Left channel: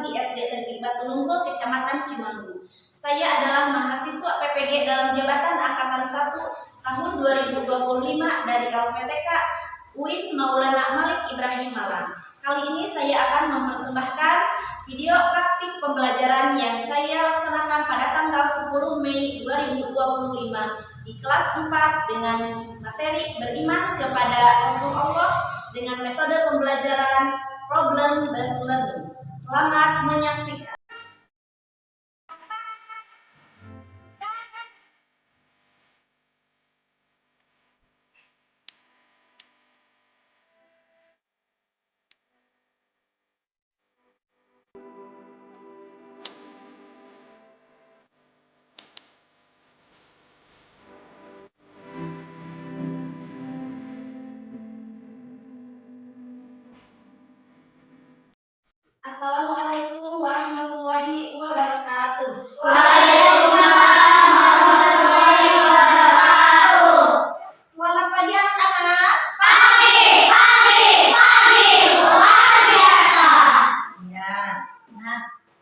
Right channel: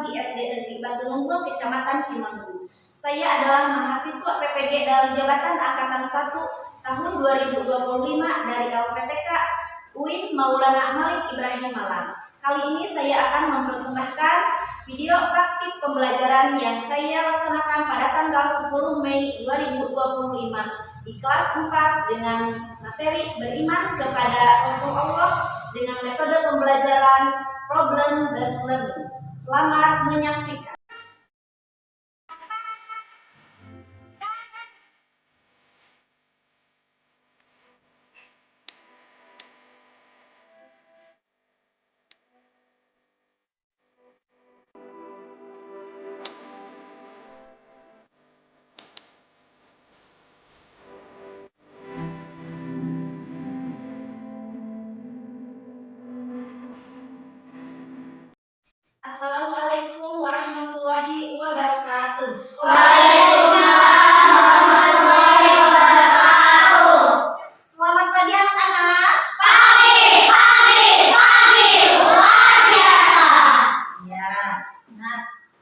Islam di SD Negeri Batu Nunggul, Kecamatan Cimanggu. Saya adalah mahasiswa PPG dalam jabatan Angkatan 1 tahun 2025 dari LPTK UIN Maulana Malik Ibrahim Malang. Kali ini saya akan mempersembahkan video praktik pembelajaran yang saya laksanakan pada tanggal 10 Mei 2025 di kelas 4 dengan materi beriman kepada Rasulullah dengan metode pembelajaran problem based learning. Selamat menyaksikan. Assalamualaikum warahmatullahi wabarakatuh. Waalaikumsalam warahmatullahi wabarakatuh. Selamat pagi anak-anak. Pagi, luar biasa. Ya,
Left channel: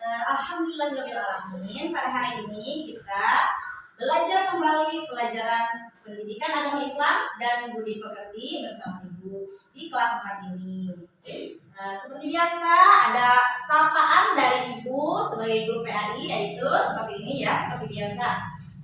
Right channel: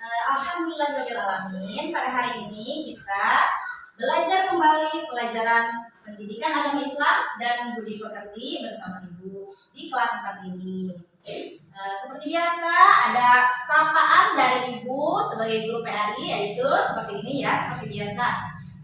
alhamdulillahirobbilalamin. Pada hari ini kita belajar kembali pelajaran pendidikan agama Islam dan budi pekerti bersama Ibu di kelas 4 ini. Seperti biasa ada sapaan dari Ibu sebagai guru PAI, yaitu seperti ini ya, seperti biasa.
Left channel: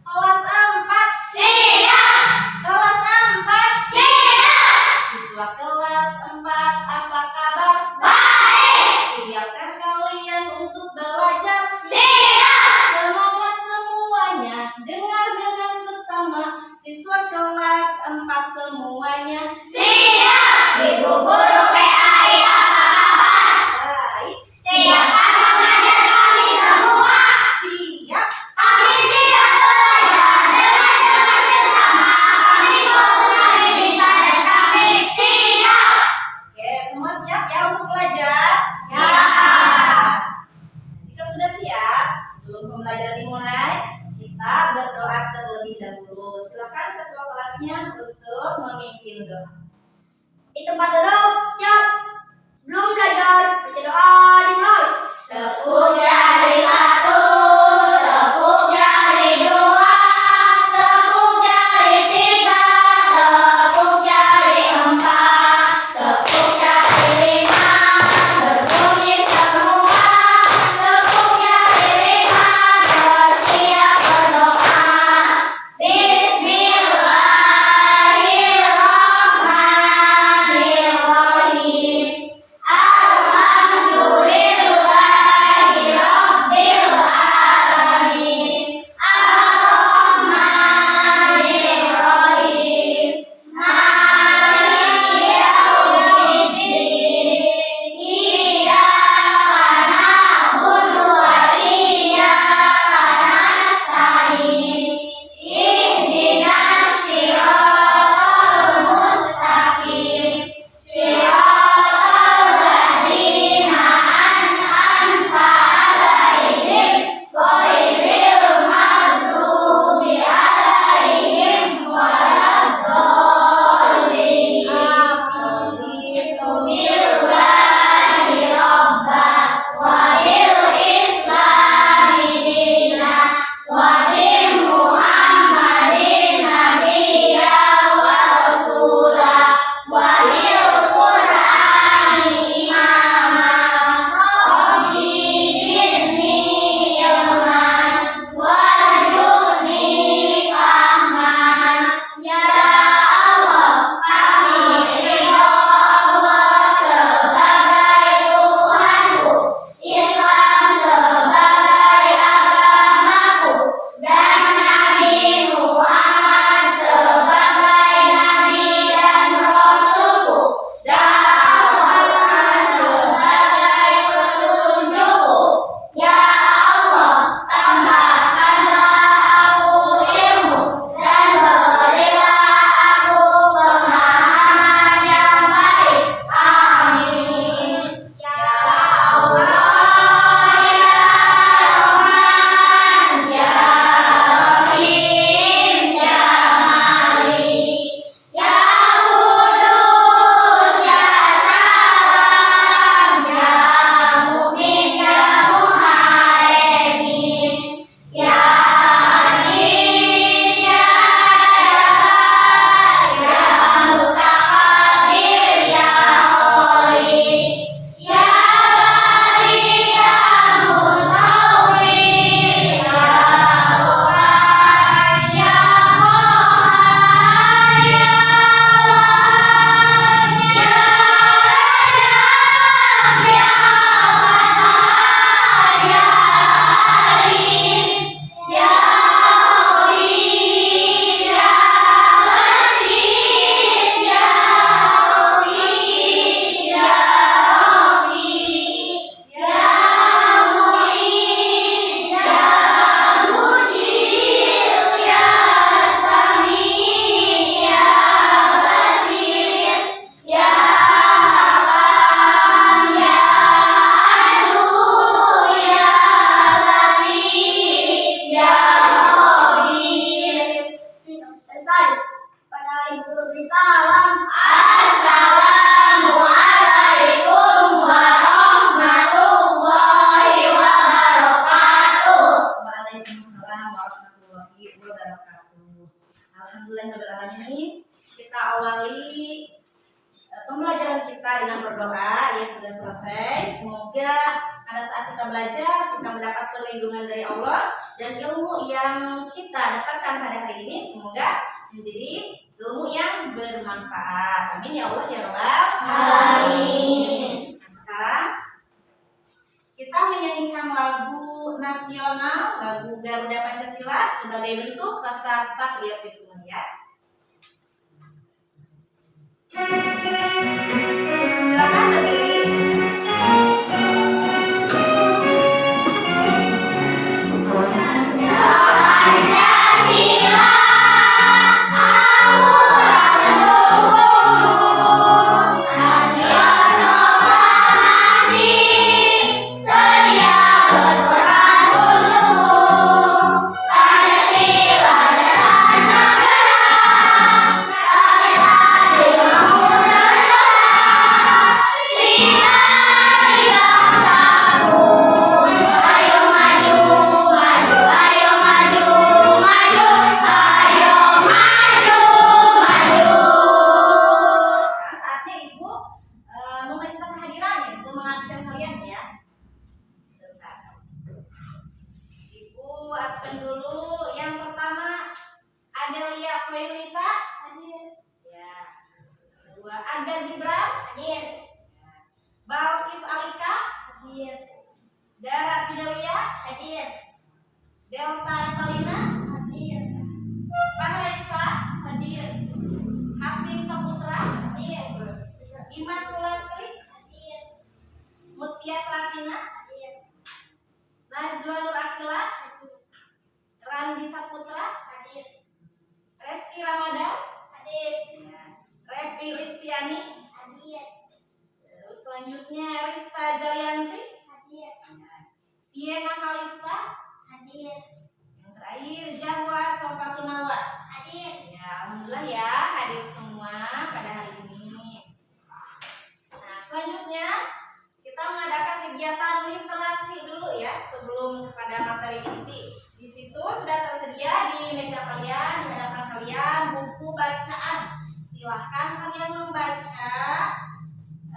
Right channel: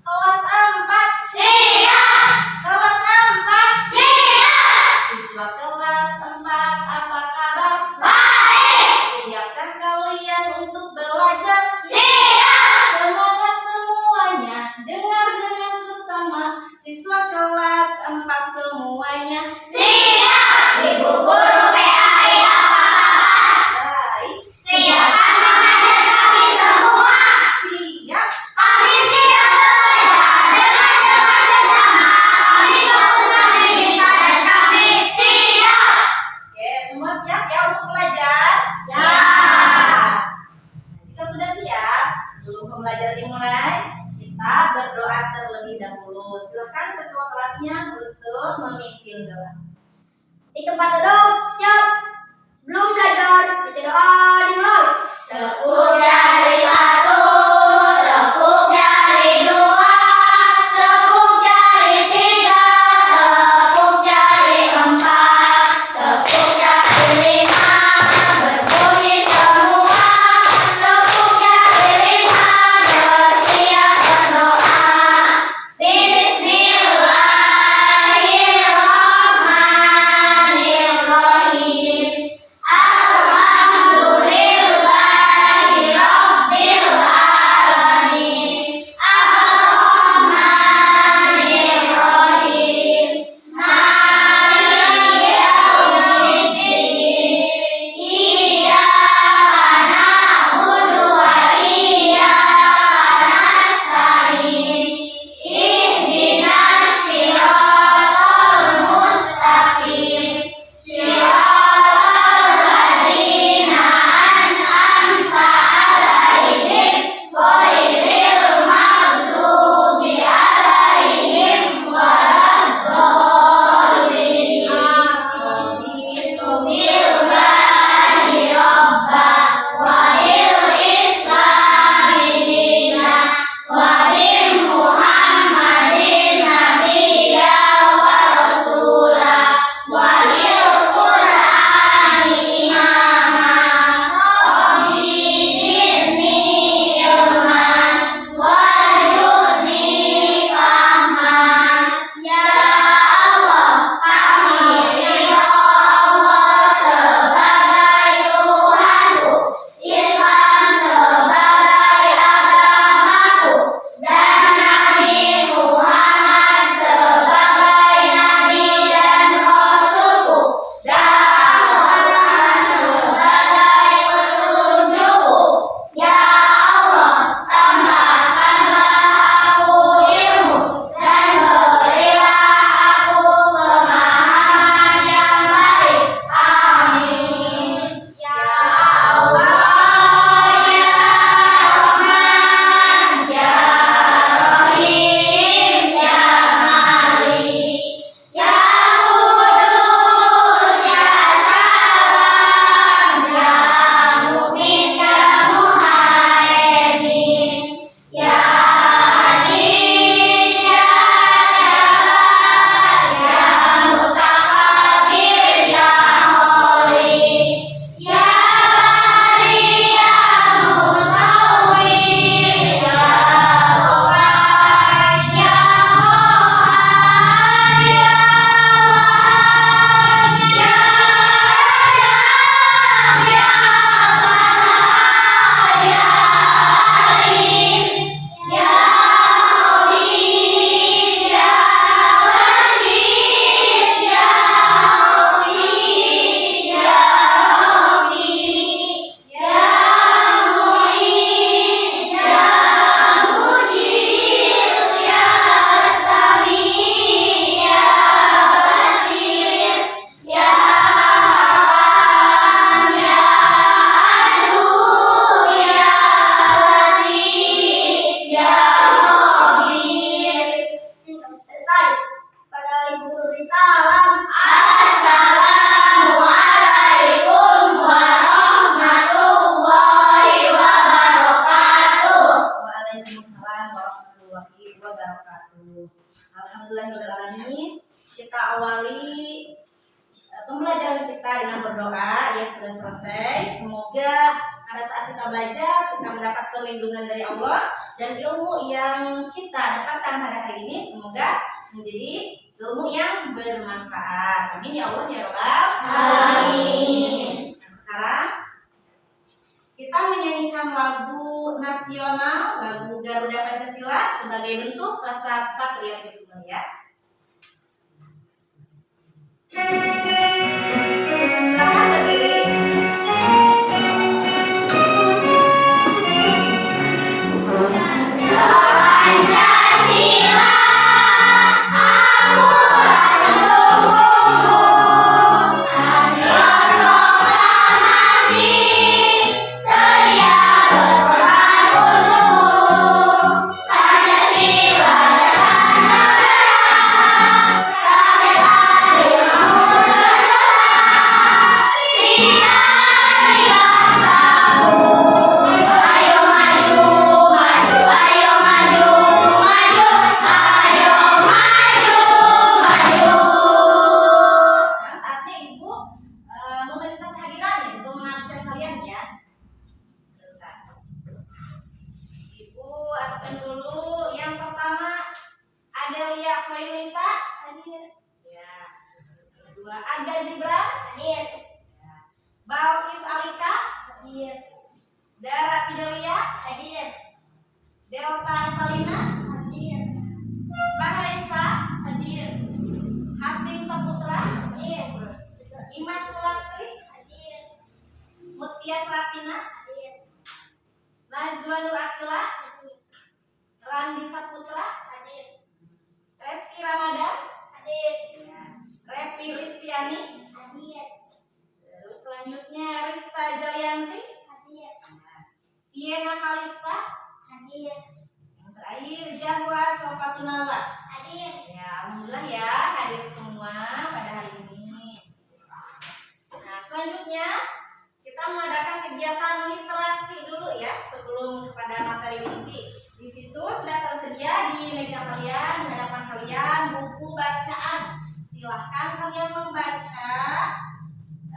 Kelas 4 Siap. Kelas 4 Siap. Siswa kelas 4 apa kabar? Baik. Siapkah kalian untuk belajar? Siap. Semangat semuanya, dengar dengan sesama. Siswa kelas 4 semuanya. Siap. Ibu guru PAI apa kabar? Baik. Siapkan mengajar kami semua. Siap. Kami siap belajar dengan sesama. Kami fokus pada diri dan kami siap. Oke, semua siap ya untuk belajar? Siap. Jika sudah awali pembelajaran kita dengan berdoa. Ya, sudah selesai. Semoga pada saat kita belajar kita mendapat perlindungan dari Allah, dan ilmu yang kita dapatkan pada hari ini semoga menjadi ilmu yang bermanfaat. Amin ya Allah ya Rabbal alamin. Nah, sekarang kita menyanyikan lagu nasional, lagu Garuda Pancasila sebagai bentuk rasa patriotisme ya. Silakan berdiri. Anda Zibra Hadir. Balkis Alika Hadir. Dara Pidelia Hadir. Delta Revalina Hadir. Maharesa Hadir. Hatim Saputra Hadir. Imas Sulastri Hadir. Mutia Serapina Hadir. Najwa Nur Akila Hadir. Randi Saputra Hadir. Reski Ramadan Hadir. Repi Listiani. Hadir. Terus selanjutnya Rista Jalianti, Hadir. Siena Kalista, Hadir. yang terakhir Jahwa Sofatunawa. Hadir. Ya, alhamdulillah ya hadir semua pada hari ini. Nah, selanjutnya kita mengadakan kegiatan literasi dulu ya sebelum kepada materi inti. Di situ sudah tersedia di meja kalian, di hadapan kalian buku bacaan. Silahkan kalian membaca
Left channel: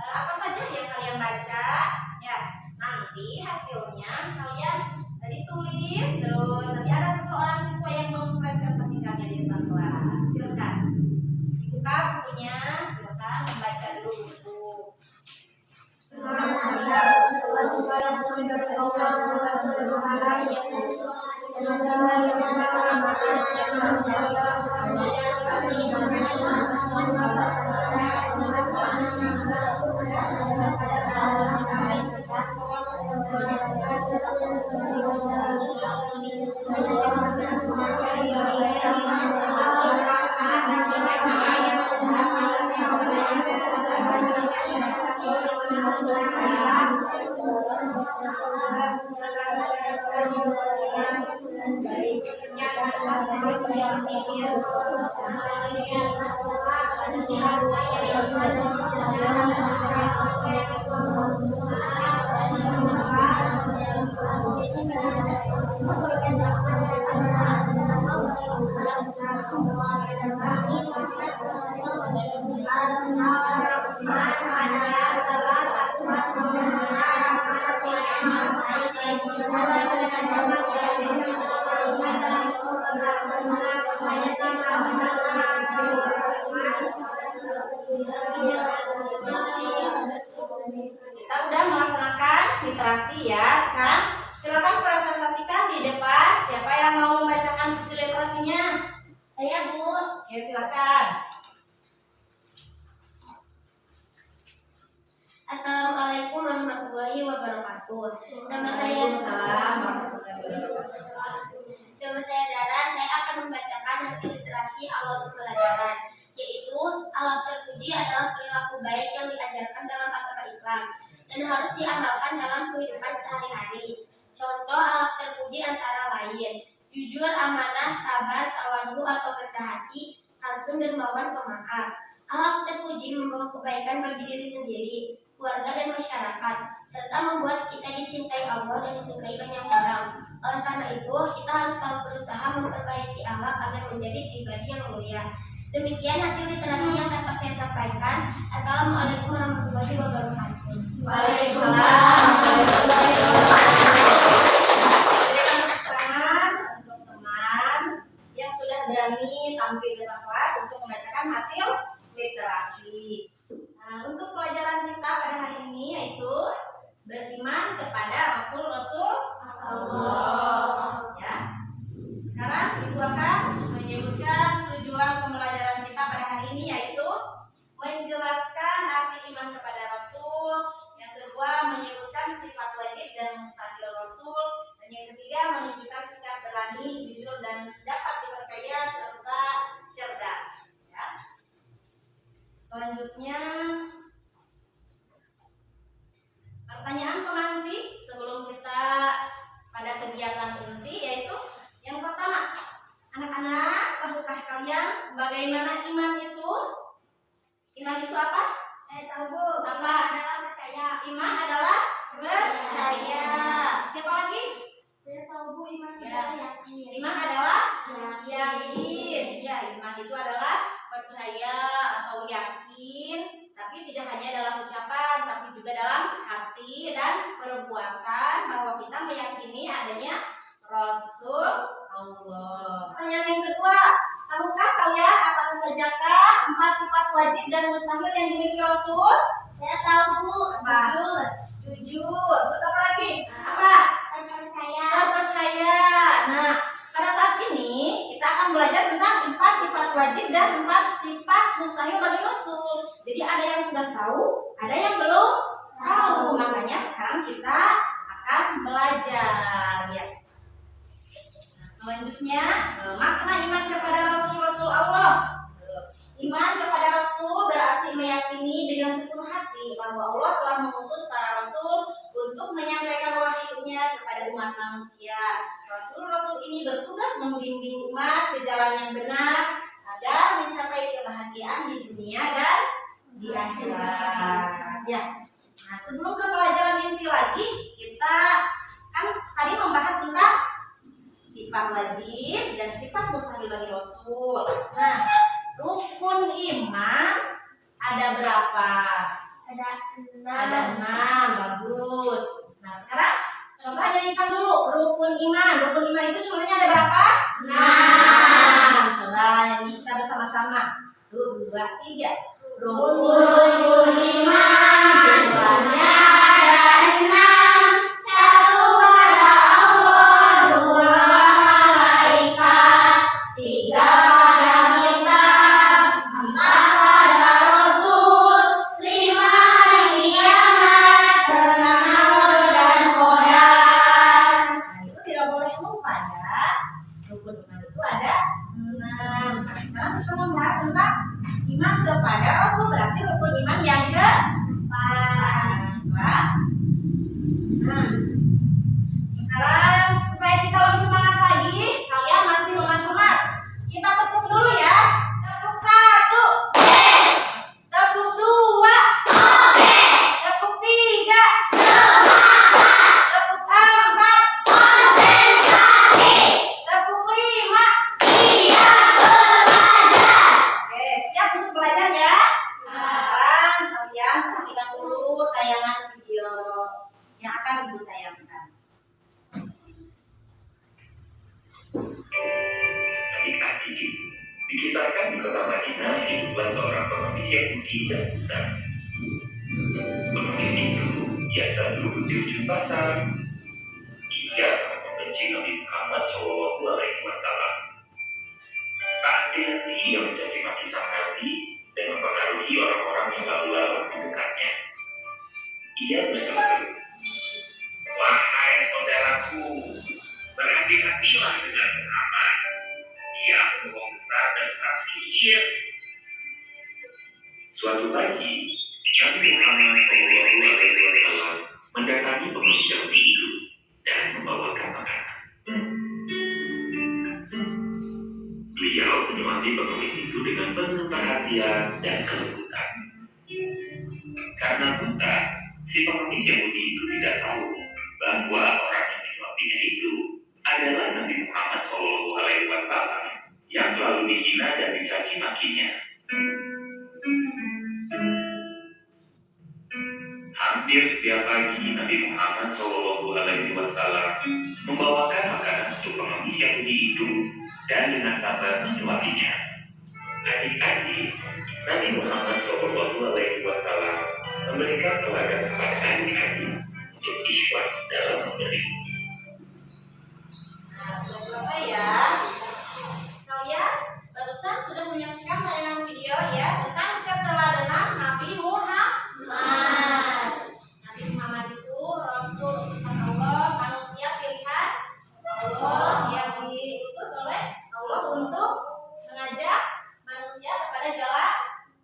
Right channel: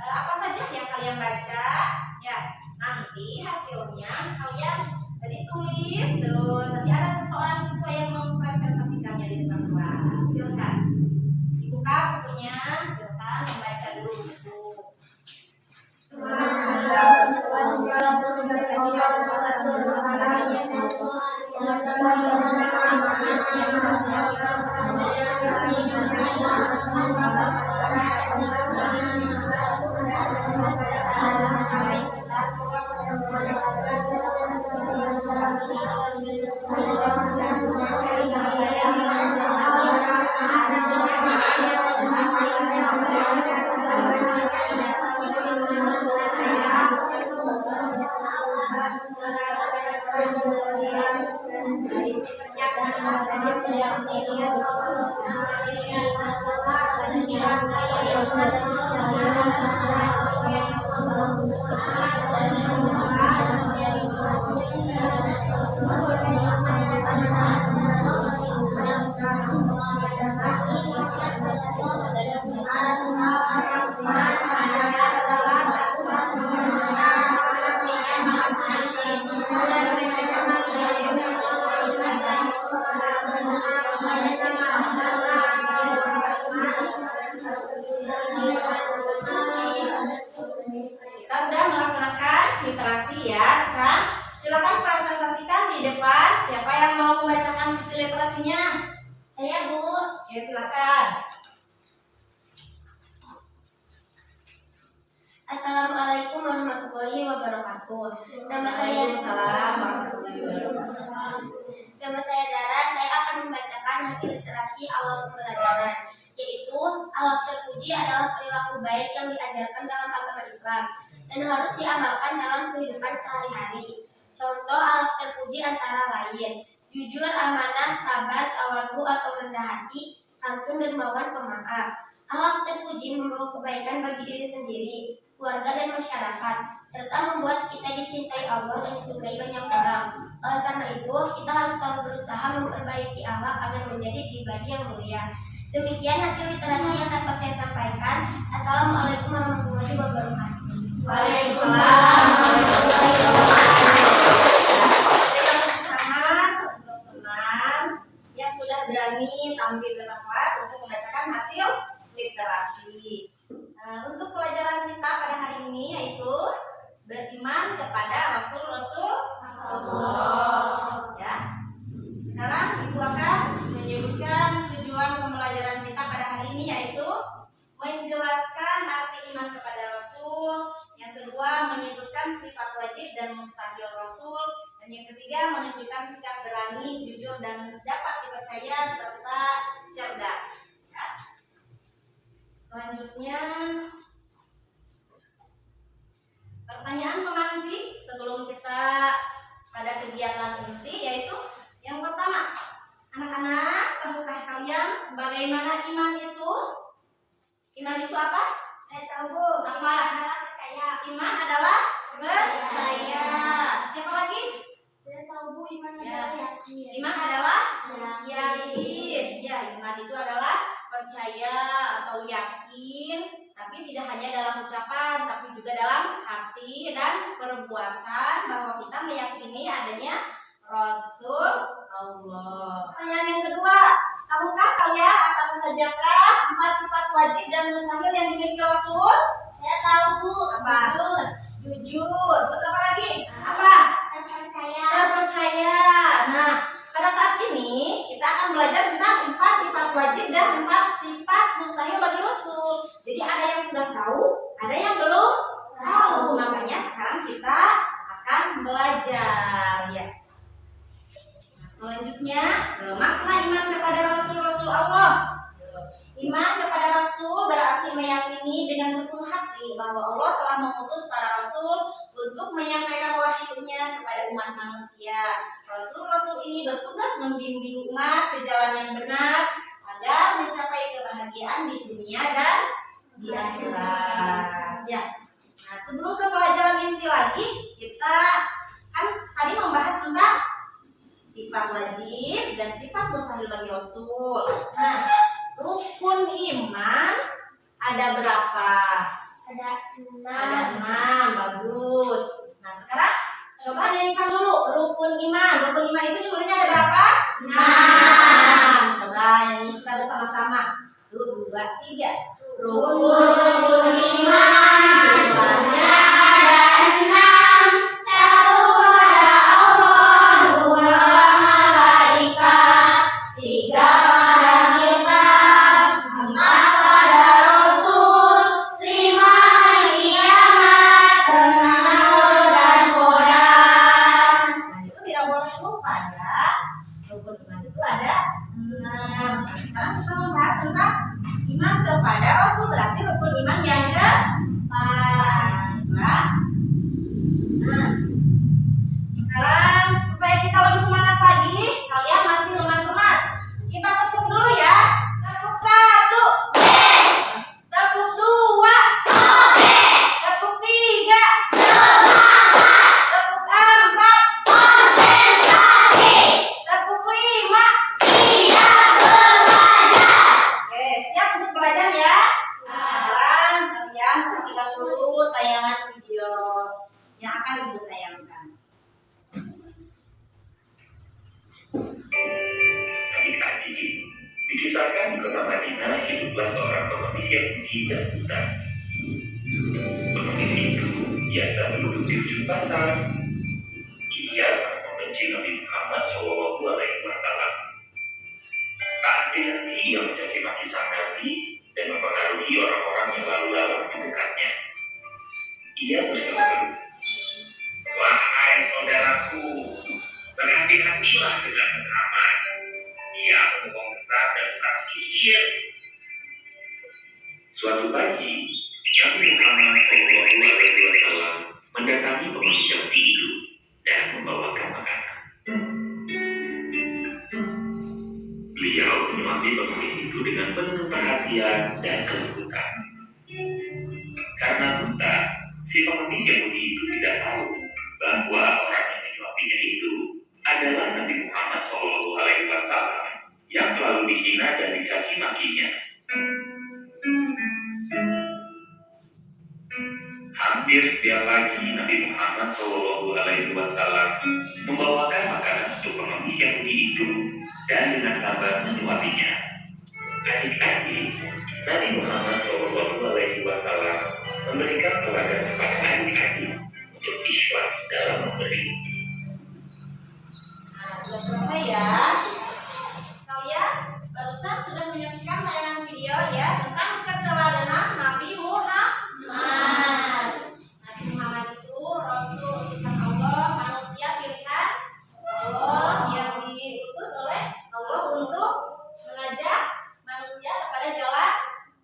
apa saja yang kalian baca ya. Nanti hasilnya kalian ditulis, terus nanti ada seseorang siswa yang mempresentasikannya di depan kelas. Silahkan dibuka bukunya, silahkan membaca dulu buku. Kita udah melaksanakan literasi ya. Sekarang silakan presentasikan di depan. Siapa yang mau membacakan visi literasinya? Saya, Bu. Ya, silakan. Assalamualaikum warahmatullahi wabarakatuh. Nama saya Waalaikumsalam warahmatullahi wabarakatuh. Nama saya Dara. Saya akan membacakan hasil literasi awal pembelajaran, yaitu akhlak terpuji adalah perilaku baik yang diajarkan dalam agama Islam dan harus diamalkan dalam kehidupan sehari-hari. Contoh akhlak terpuji antara lain: jujur, amanah, sabar, tawadhu atau rendah hati, santun, dermawan, pemaaf. Akhlak terpuji membawa kebaikan bagi diri sendiri, keluarga dan masyarakat, serta membuat kita dicintai Allah dan disukai banyak orang. Oleh karena itu, kita harus selalu berusaha memperbaiki akhlak agar menjadi pribadi yang mulia. Demikian hasil literasi yang dapat saya sampaikan. Assalamualaikum warahmatullahi wabarakatuh. Waalaikumsalam warahmatullahi wabarakatuh. Berikan tepuk tangan untuk teman yang sudah berani tampil di depan kelas untuk membacakan hasil literasi. Untuk pelajaran kita pada hari ini yaitu beriman kepada Rasul-Rasul Allah. Ya. Sekarang Ibu akan menyebutkan tujuan pembelajaran kita pada hari ini yaitu menjelaskan arti iman kepada Rasul. Yang kedua menyebutkan sifat wajib dan mustahil Rasul. Dan yang ketiga menunjukkan sikap berani, jujur dan dapat dipercaya serta cerdas. Ya. Selanjutnya pertanyaan penganti sebelum kita pada kegiatan inti yaitu yang pertama, anak-anak, tahukah kalian bagaimana iman itu? Iman itu apa? Saya tahu, Bu. Apa? Iman adalah percaya. Iman adalah percaya. Siapa lagi? Saya tahu, Bu. Iman Ya. adalah yakin. Iman adalah yakin. Ya, iman itu adalah percaya atau yakin, tapi tidak hanya dalam ucapan, tapi juga dalam hati dan perbuatan bahwa kita meyakini adanya Rasul Allah. Pertanyaan yang kedua, tahukah kalian apa sajakah 4 sifat wajib dan mustahil yang dimiliki Rasul? Saya tahu, Bu. Apa? Jujur. Jujur. Terus apa lagi? Apa? Terpercaya. Terpercaya. Nah, pada saat ini kita akan belajar tentang 4 sifat wajib dan 4 sifat mustahil bagi Rasul. Jadi ada yang sudah tahu, ada yang belum tahu. Makanya sekarang kita akan belajar ya. Nah, selanjutnya makna iman kepada Rasul-Rasul Allah. Iman kepada Rasul berarti meyakini dengan sepenuh hati bahwa Allah telah mengutus para Rasul untuk menyampaikan wahyunya kepada umat manusia. Rasul-Rasul ini bertugas membimbing umat ke jalan yang benar agar mencapai kebahagiaan di dunia dan di akhirat. Ya. Nah, sebelum ke pelajaran inti lagi, kita kan tadi membahas tentang sifat wajib dan sifat mustahil bagi Rasul. Nah, rukun iman ada berapa? Ada 6. Ada 6, bagus. Nah sekarang coba nyanyikan dulu rukun iman. Rukun iman itu jumlahnya ada berapa? 6. Coba nyanyi kita bersama-sama. 1, 2, 3. Rukun iman jumlahnya ada 6. 1 pada Allah, 2 malaikat, 3 pada kitab, 4 pada Rasul, 5 hari kiamat, 6 nur dan Quran. Nah itu tidak boleh lupa ya. Rukun iman itu ada 6. Nah sekarang kita membahas tentang iman kepada Rasul, berarti rukun iman yang keempat. Nah, sekarang supaya kita lebih semangat lagi, kalian masih lemas-lemas. Kita tepuk dulu ya. Tepuk 1. Tepuk 2. Tepuk 3. Tepuk 4. Tepuk 5. Oke, siap untuk belajar ya? Sekarang kalian perhatikan dulu tayangan video yang akan Ibu tayangkan. Adik-adik, dikisahkan di kota Madinah hiduplah seorang pengemis Yahudi yang buta. Pengemis itu biasa duduk di ujung pasar. Ia sangat membenci Nabi Muhammad SAW. Tak ada yang mencaci maki sang Nabi dan mempengaruhi orang-orang yang lalu lalang di dekatnya. Ia berseru-seru, "Wahai saudaraku, berhati-hatilah dengan Muhammad. Dia pembohong besar dan tukang sihir." Suatu pagi, Nabi Muhammad SAW mendatangi pengemis Yahudi itu dan membawakan makanan. Beliau menyuapi pengemis itu dengan penuh perhatian dan kelembutan. Karena buta, si pengemis Yahudi itu tidak tahu bahwa orang yang menyuapinya itu adalah Nabi Muhammad SAW yang selalu dihina dan dicaci makinya. Hampir setiap pagi Nabi Muhammad SAW membawakan makanan untuk pengemis Yahudi itu dan dengan sabar menyuapinya. Adik-adik, Nabi Muhammad SAW memberikan teladan kepada adik-adik untuk ikhlas dalam memberi. Nah, sudah selesai ya. Kalian barusan sudah menyaksikan tayangan video ya tentang keteladanan Nabi Muhammad. Nabi Muhammad itu Rasul utusan Allah, manusia pilihan Allah yang diutus oleh Allah untuk mengajak manusia kepada jalan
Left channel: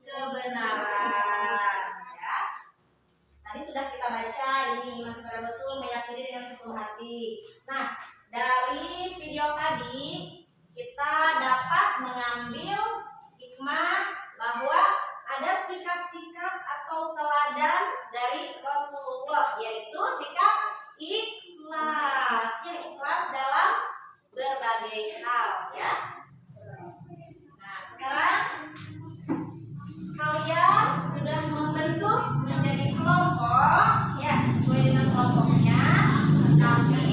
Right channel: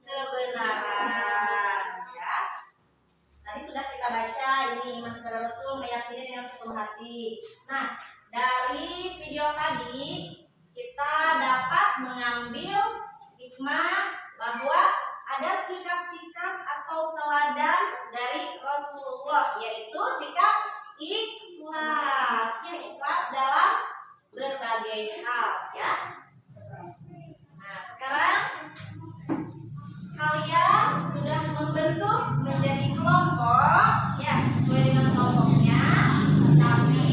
kebenaran. Ya. Tadi sudah kita baca ini iman kepada Rasul, meyakini dengan sepenuh hati. Nah, dari video tadi kita dapat mengambil hikmah bahwa ada sikap-sikap atau teladan dari Rasulullah, yaitu sikap ikhlas, yang ikhlas dalam berbagai hal ya. Nah, sekarang kalian sudah membentuk menjadi kelompok ya, sesuai dengan kelompoknya, tapi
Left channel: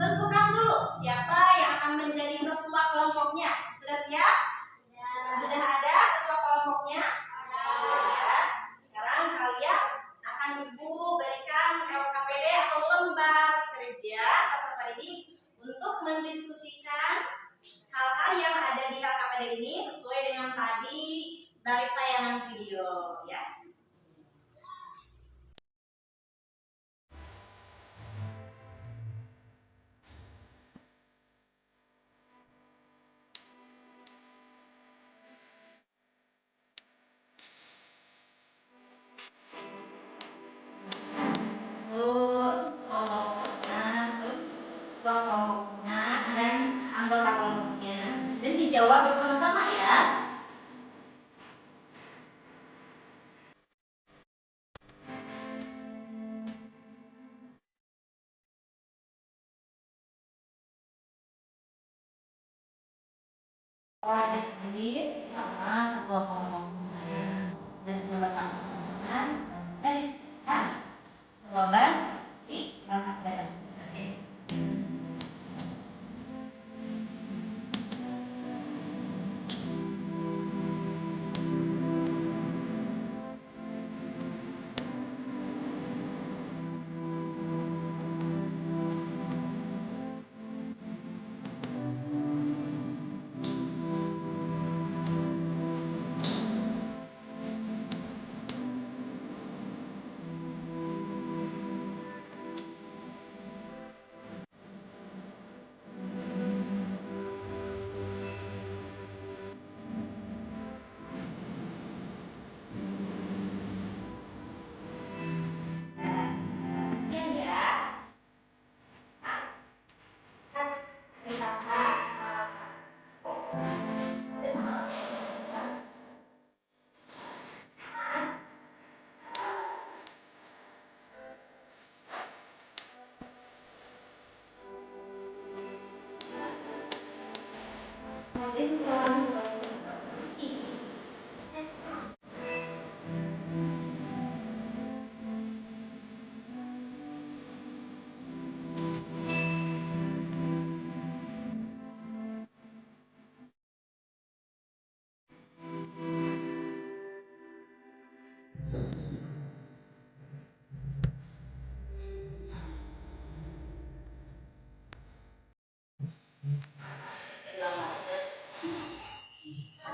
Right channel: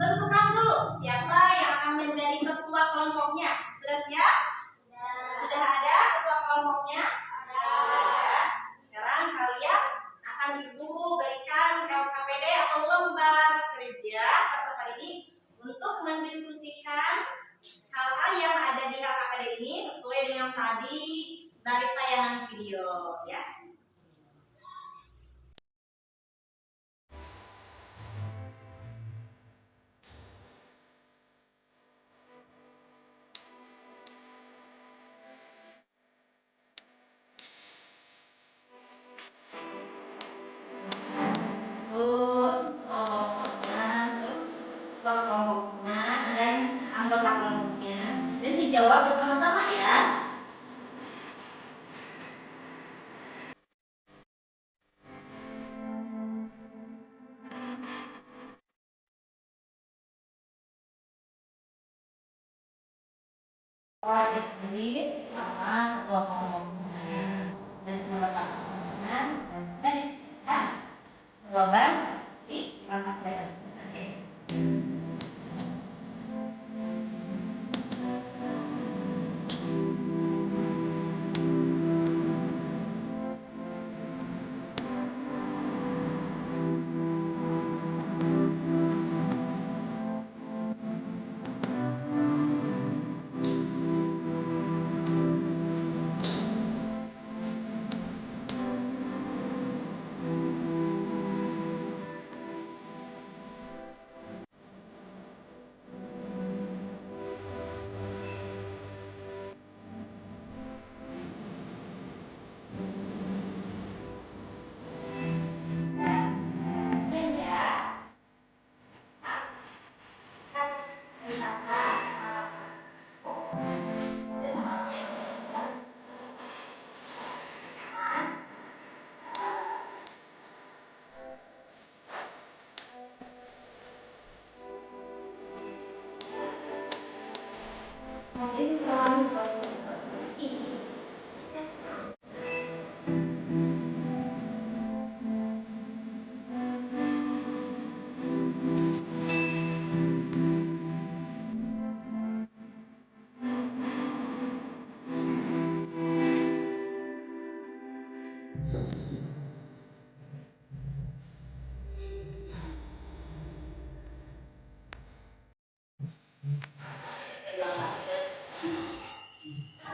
tentukan dulu siapa yang akan menjadi ketua kelompoknya. Sudah siap? Sudah ada ketua kelompoknya? Ada. Sekarang kalian akan Ibu berikan LKPD atau lembar kerja peserta didik untuk mendiskusikan hal-hal yang ada di LKPD ini sesuai dengan tadi dari tayangan video ya. Kelompoknya dan anggota kelompoknya, dan dijawab bersama-sama ya. Jadi sama ketua kelompoknya dan anggota kelompoknya dan jawaban di perangkat dasar.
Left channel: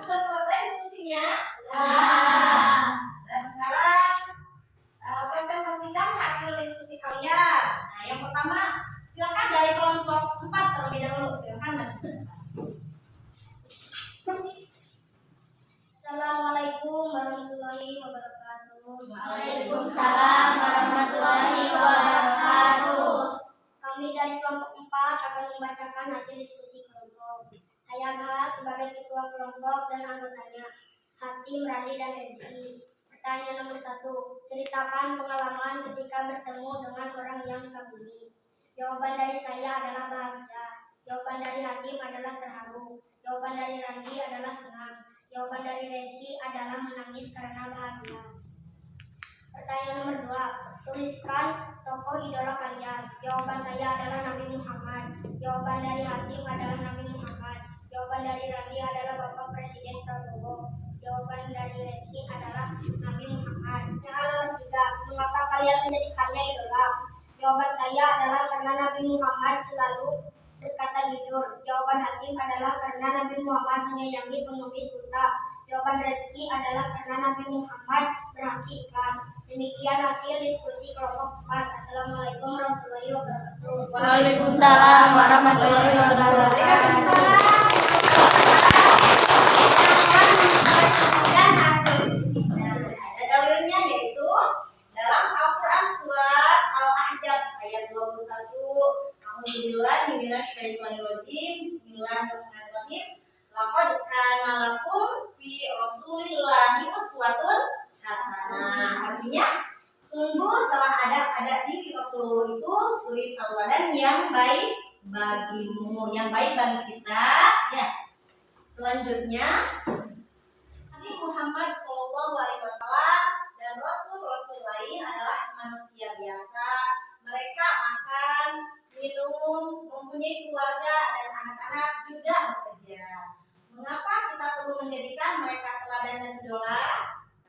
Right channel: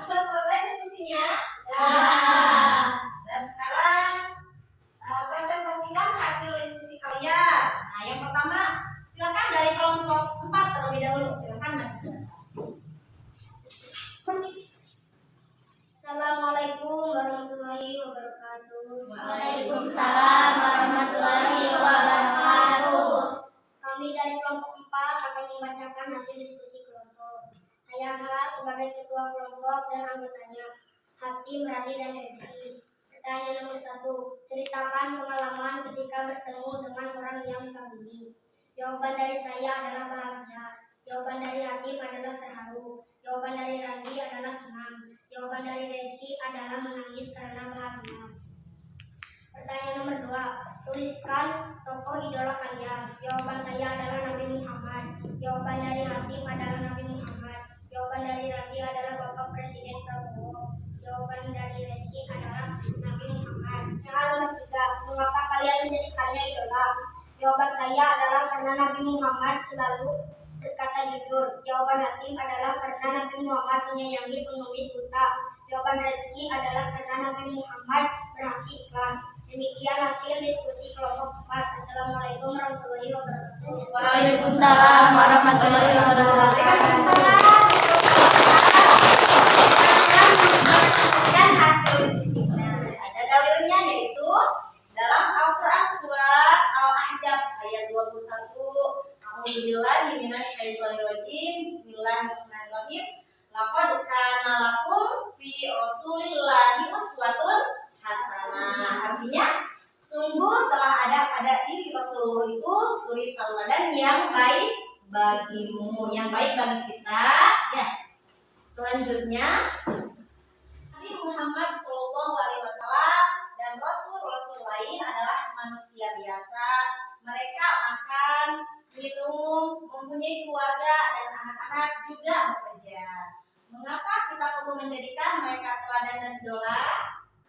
Selesai diskusinya. Dan sekarang presentasikan hasil diskusi kalian. Nah, yang pertama silakan dari kelompok 4 terlebih dahulu. Silakan maju. Assalamualaikum warahmatullahi wabarakatuh. Waalaikumsalam warahmatullahi wabarakatuh. Kami dari kelompok 4 akan membacakan hasil diskusi kelompok. Saya Gala sebagai ketua kelompok dan anggotanya, Hatim, Radi, dan Rizky. Pertanyaan nomor 1. Ceritakan pengalaman ketika bertemu dengan orang yang kagumi. Jawaban dari saya adalah bahagia. Jawaban dari Hatim adalah terharu. Jawaban dari Randi adalah senang. Jawaban dari Rezki adalah menangis karena bahagia. Pertanyaan nomor 2. Tuliskan tokoh idola kalian. Jawaban saya adalah Nabi Muhammad. Jawaban dari Hatim adalah Nabi Muhammad. Jawaban dari Randi adalah Bapak Presiden Prabowo. Jawaban dari Rezki adalah Nabi Muhammad. Yang nomor 3. Mengapa kalian menjadikannya idola? Jawaban saya adalah karena Nabi Muhammad selalu berkata jujur. Jawaban Hatim adalah karena Nabi Muhammad menyayangi pengemis buta. Jawaban Rezki adalah karena Nabi Muhammad berhati ikhlas. Demikian hasil diskusi kelompok 4. Assalamualaikum warahmatullahi wabarakatuh. Waalaikumsalam warahmatullahi wabarakatuh. Dan hasil diskusinya ada dalilnya, yaitu dalam Al-Quran surat Al-Ahzab ayat 21. Alhamdulillah minasyaitonirrajim. Bismillahirrahmanirrahim. Laqad kana lakum fi Rasulillahi uswatun hasanah. Artinya sungguh telah ada pada diri Rasulullah itu suri tauladan yang baik bagimu, yang baik bagi kita. Ya. Selanjutnya Nabi Muhammad SAW dan Rasul-Rasul lain adalah manusia biasa. Mereka makan, minum, mempunyai keluarga dan anak-anak, juga bekerja. Mengapa kita perlu menjadikan mereka teladan dan idola?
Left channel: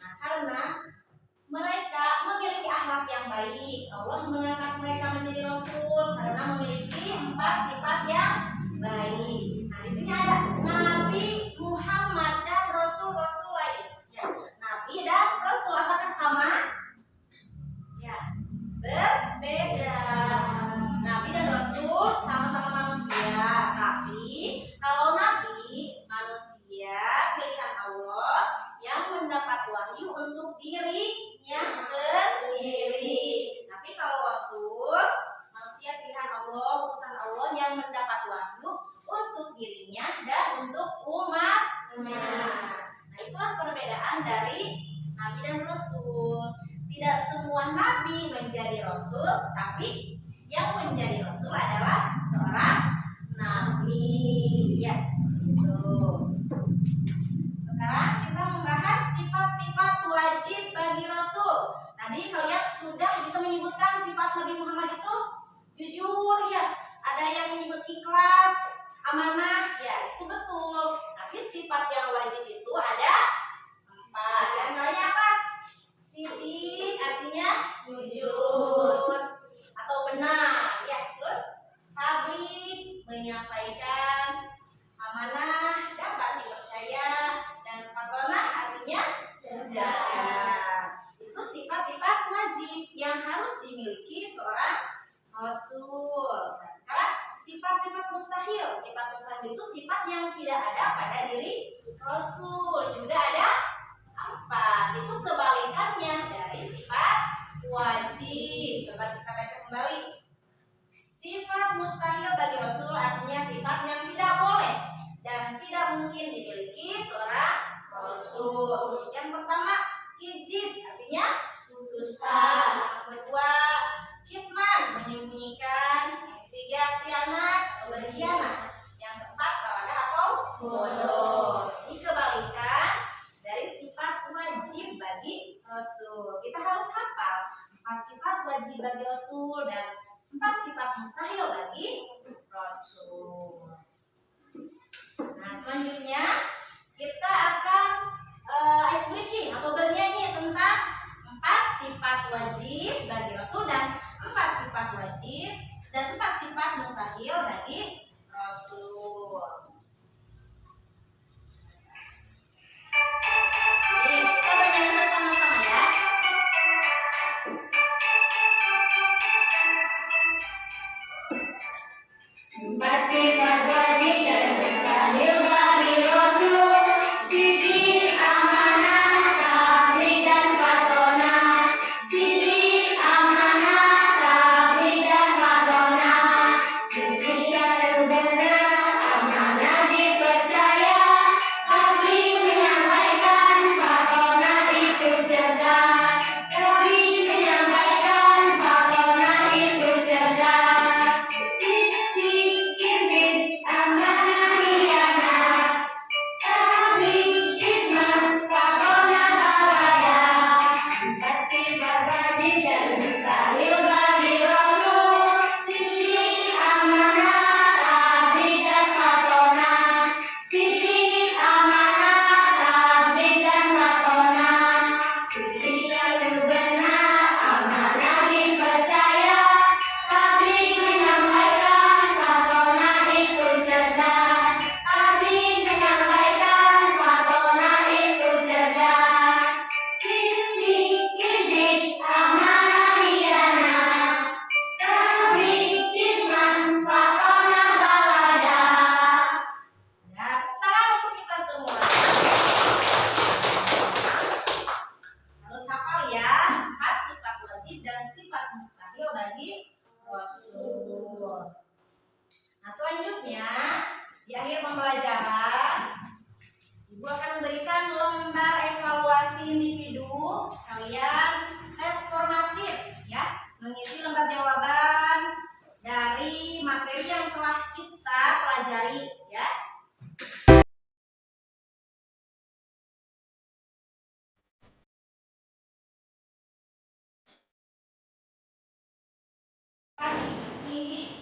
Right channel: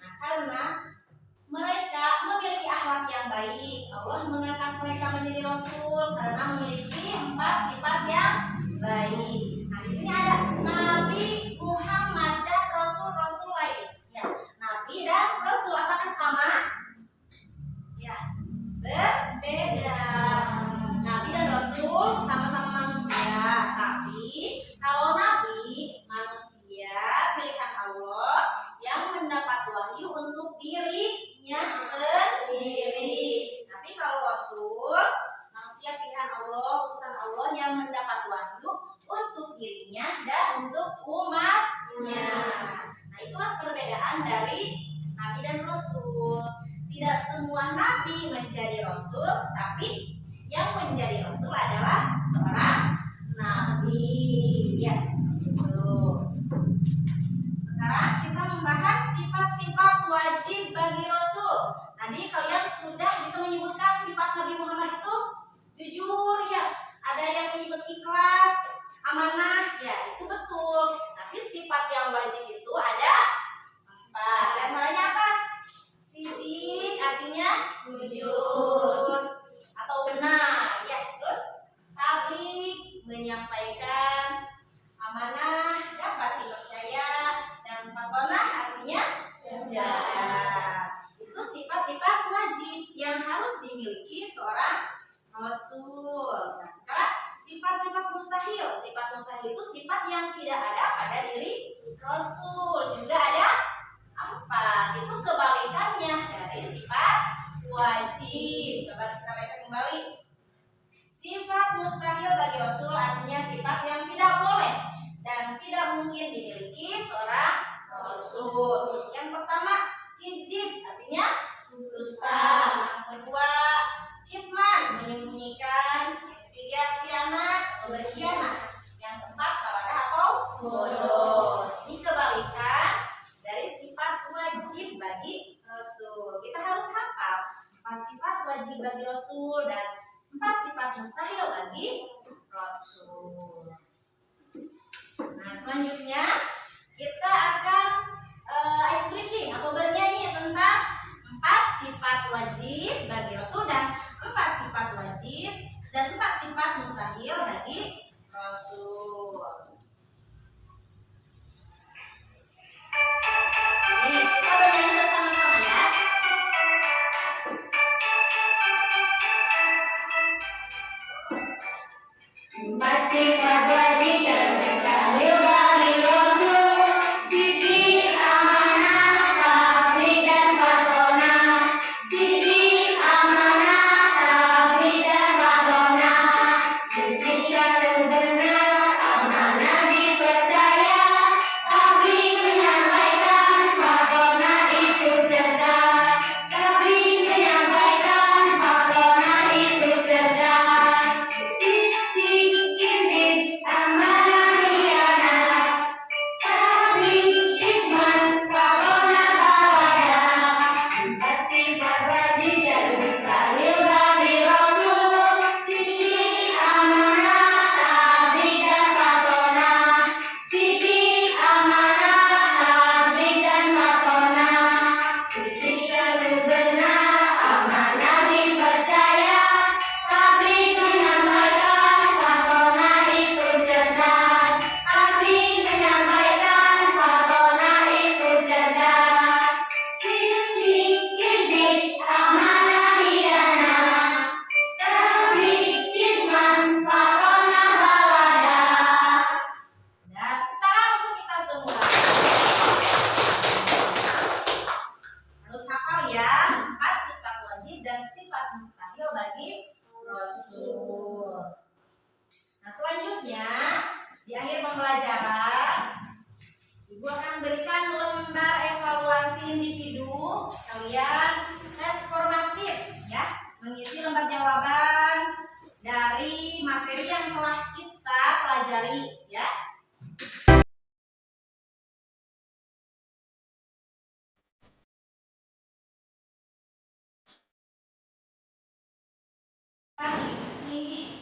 Nah, karena mereka memiliki akhlak yang baik. Allah mengangkat mereka menjadi rasul karena memiliki 4 sifat yang baik. Nah, di sini ada Nabi Muhammad dan Rasul-Rasul lain. Ya, Nabi dan Rasul apakah sama? Ya, berbeda. Nabi dan Rasul sama-sama manusia, tapi kalau Nabi manusia pilihan Allah yang mendapat wahyu untuk dirinya sendiri. Tapi kalau Rasul manusia pilihan Allah, utusan Allah yang mendapat wahyu untuk dirinya dan untuk umatnya. Nah, itulah perbedaan dari Nabi dan Rasul. Tidak semua Nabi menjadi Rasul, tapi yang menjadi Rasul adalah seorang Nabi. Ya, gitu. Sekarang kita membahas sifat-sifat wajib bagi Rasul. Tadi kalian sudah bisa menyebutkan sifat Nabi Muhammad itu jujur, ya. Ada yang menyebut ikhlas, amanah, ya itu betul. Tapi sifat yang wajib itu ada 4. Di antaranya apa? Sidik, artinya jujur atau benar, ya. Terus tabligh, menyampaikan, amanah, dapat dipercaya, dan fatonah artinya jaga. Itu sifat-sifat wajib yang harus dimiliki seorang Rasul. Nah, sekarang sifat-sifat mustahil. Sifat mustahil itu sifat yang tidak ada pada diri Rasul. Juga ada 4. Itu kebalikannya dari sifat wajib. Coba kita baca kembali. Sifat mustahil bagi Rasul artinya sifat yang tidak boleh dan tidak mungkin dimiliki seorang Rasul. Yang pertama, kijib artinya dusta. Yang kedua, kitman menyembunyikan. Yang ketiga, khianat atau berkhianat. Yang keempat, kawadah atau bodoh. Ini kebalikan dari sifat wajib bagi Rasul. Kita harus hafal 4 sifat wajib bagi Rasul dan 4 sifat mustahil bagi Rasul. Nah, selanjutnya kita akan ice breaking atau bernyanyi tentang 4 sifat wajib bagi Rasul dan 4 sifat wajib dan 4 sifat mustahil bagi Rasul. Nih, kita bernyanyi bersama-sama ya. Empat sifat wajib dan mustahil bagi Rasul. Sidik, amanah, tabligh dan fatonah. Sidik, amanah, tabligh dan fatonah. Sidik selalu benar, amanah Rasul. Nah, selanjutnya di akhir pembelajaran Ibu akan memberikan lembar evaluasi individu. Kalian tes formatif ya, mengisi lembar jawaban dari materi yang telah kita pelajari ya. Ini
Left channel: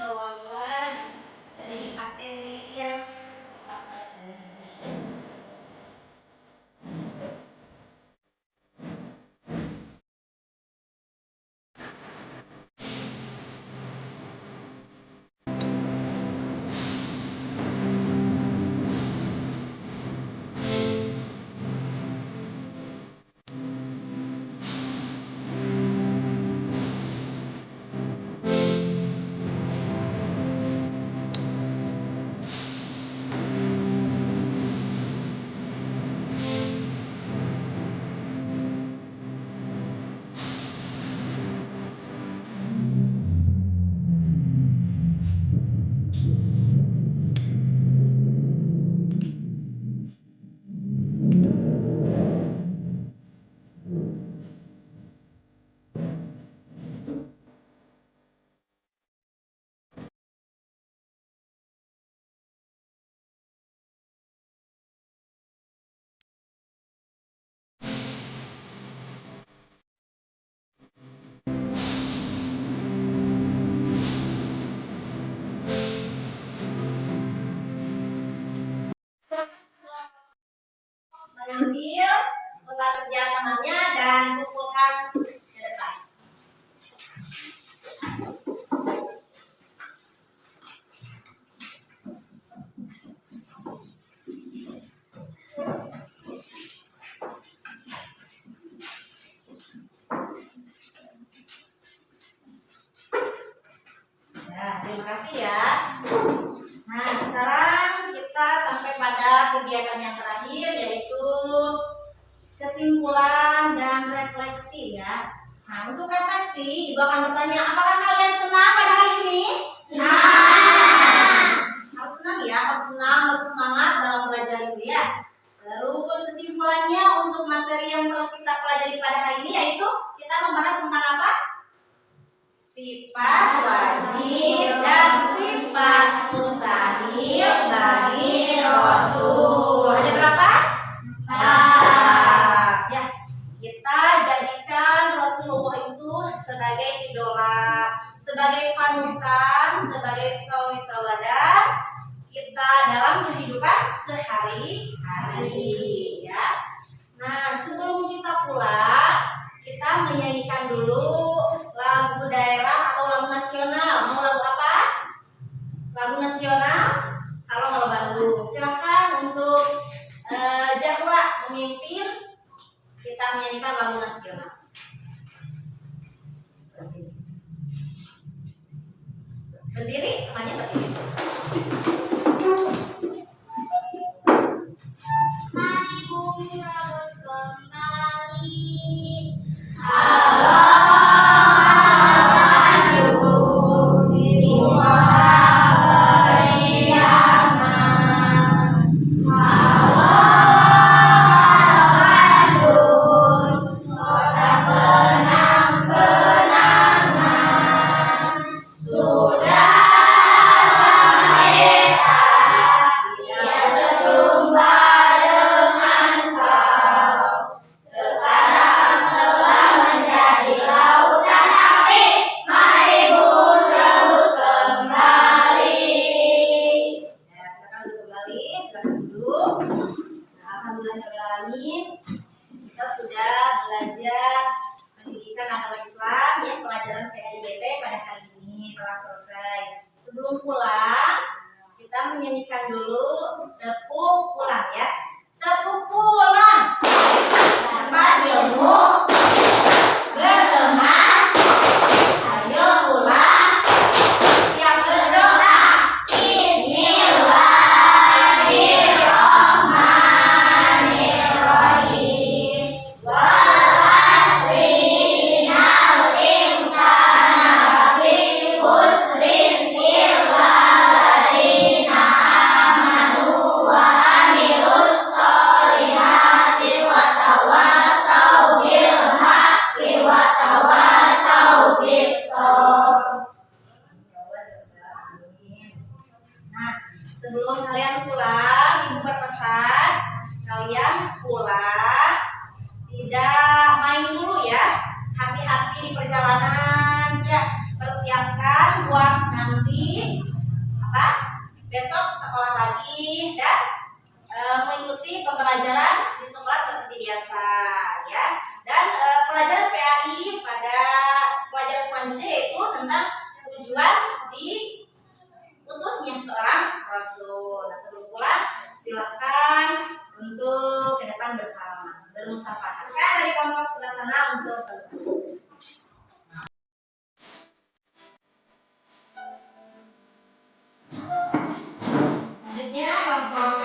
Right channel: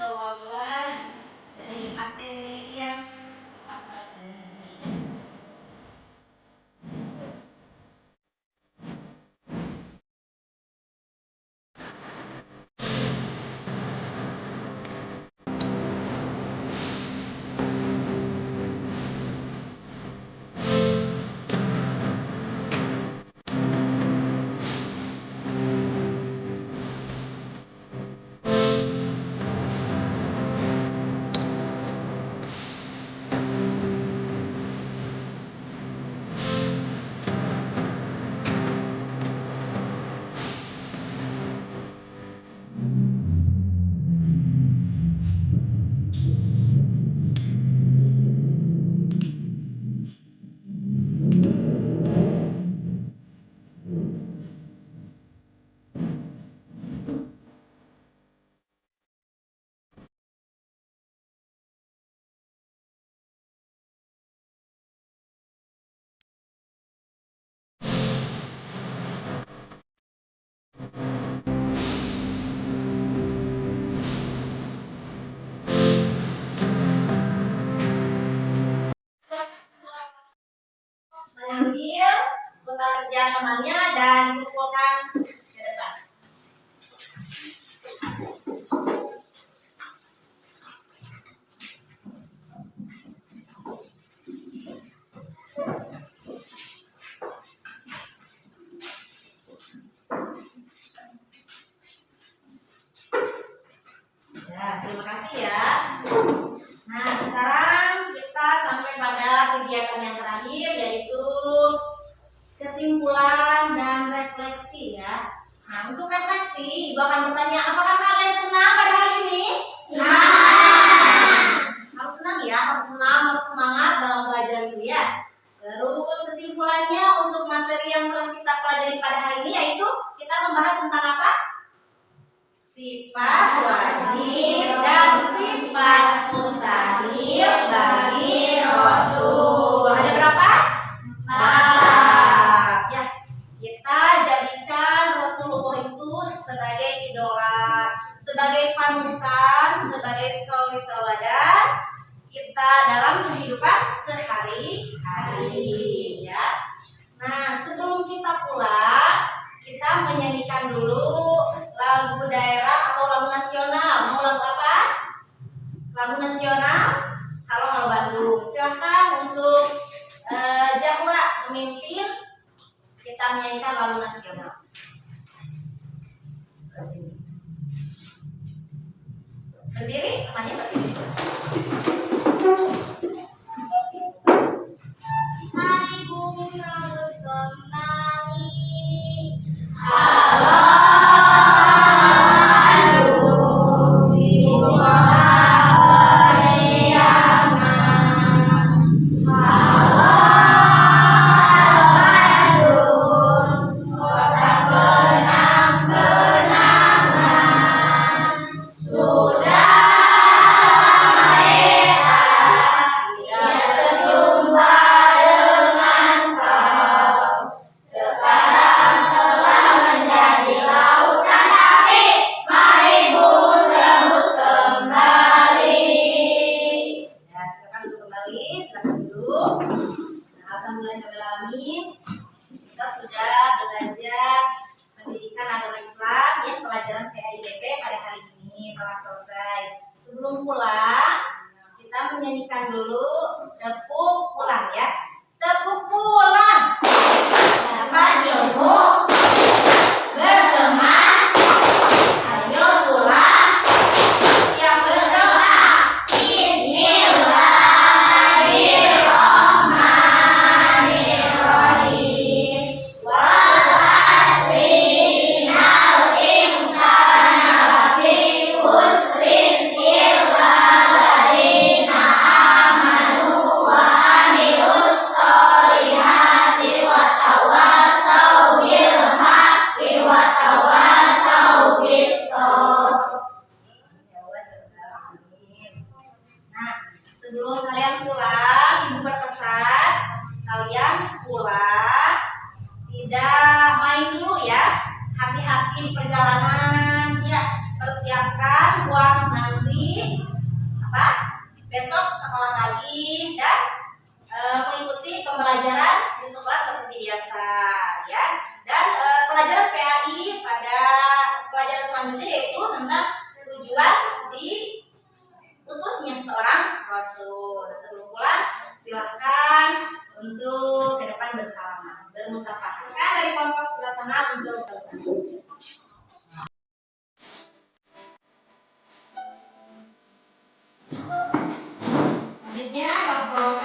jawaban dari materi yang mengambil lembar kerja temannya dan kumpulkan ke depan. Ya, terima kasih ya. Nah, sekarang kita sampai pada kegiatan yang terakhir, yaitu kesimpulan dan refleksi ya. Nah, untuk refleksi, Ibu akan bertanya, apakah kalian senang pada hari ini? Senang. Harus senang ya, harus senang, harus semangat dalam belajar itu ya. Terus kesimpulannya untuk materi yang telah kita pelajari pada hari ini, yaitu kita membahas tentang apa? Sifat wajib dan sifat mustahil bagi Rasul. Ada berapa? 4. Ya, kita jadikan Rasulullah itu sebagai idola, sebagai panutan, sebagai suri teladan kita dalam kehidupan sehari-hari ya. Nah, sebelum kita pulang, kita menyanyikan dulu lagu daerah atau lagu nasional. Mau lagu apa? Lagu nasional? Halo Bandung. Silahkan untuk Zahra memimpin kita menyanyikan lagu nasional. Berdiri, temannya berdiri. Mari bumi rambut kembali. Kita sudah belajar pendidikan agama Islam ya, pelajaran PAIGP pada hari ini telah selesai. Sebelum pulang, kita menyanyikan dulu tepuk pulang ya. Tepuk pulang. Dapat ilmu berkemas. Ayo pulang. Siap berdoa. Bismillahirrahmanirrahim. Wal asri innal insana di perjalanan ya, persiapkan buat nanti apa? Besok sekolah lagi dan mengikuti pembelajaran di sekolah seperti biasa ya. Dan pelajaran PAI pada pelajaran selanjutnya yaitu tentang tujuan diutusnya seorang rasul. Nah, sebelum pulang silahkan untuk ke depan bersama bermusafahat. Dari kelompok sebelah sana untuk selanjutnya kelompok